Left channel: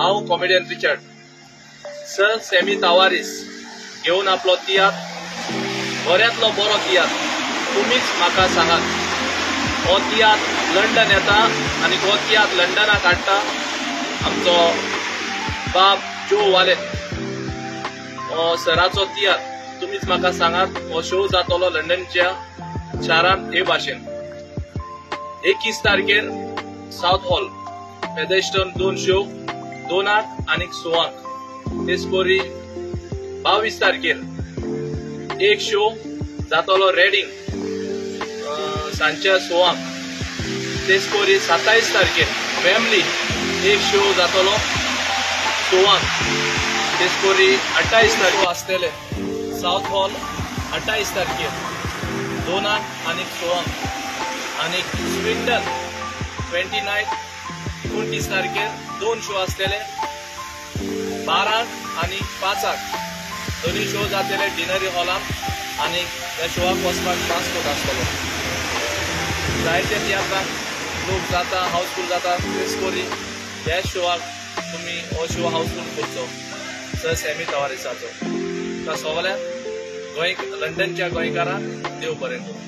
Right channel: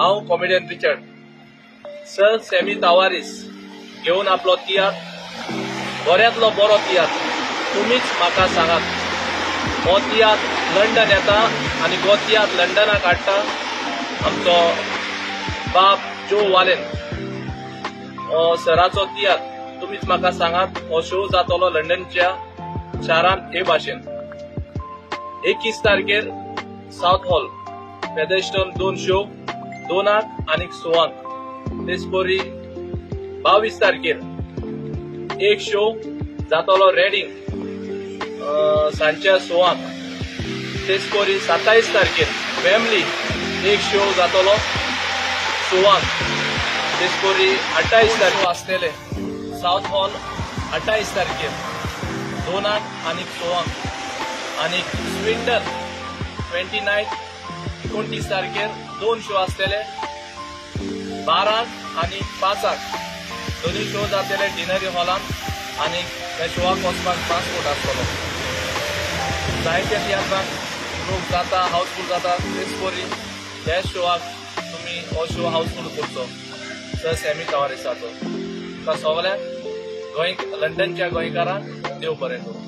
हांव comedian Richard sir Sammy तावारीस घेवन आपलो तियात्र बऱ्यांतलो बरो तियात्र तुमीच म्हाका सांगात। हो तियात्र लंडन येता आनी हो तियात्र लंडनाक हाडटा आमचो बाब जो वालेन। हो सराचो तियात्र तुमीच म्हाका सांगात। हो शो जातलो लंडनच्या शारांत हे भाशेन 21 तारखेर साउथ हॉल पेदेस्टन 2 शो 2 आनी 6 तेच परी 22 तारखेर एक शो जातलो रेडिंग सांजच्या 6 तेच परी 27 तारखेर फॅमिली एक शो जातलो 6 तेच परी 28 तारखेर आसतले साउथ हॉल 28 तारखेर 2 आनी 6 आनी स्विंडन 29 तारखेर 2 शो आसतले 12 आनी 5 दोन्ही शो जातले डिनरी हॉलान आनी ह्या शोआक वचपाक ट्रान्सपोर्ट आसतलो। जायते तियात्राक लोक जाता हाऊसफुल जाता तेच परी ह्या शोआक तुम्ही हो शो हाऊसफुल करचो सर सॅमी तावारीसाचो। सगळ्या लंडनच्या गोंयकारांक देव बरें करूं।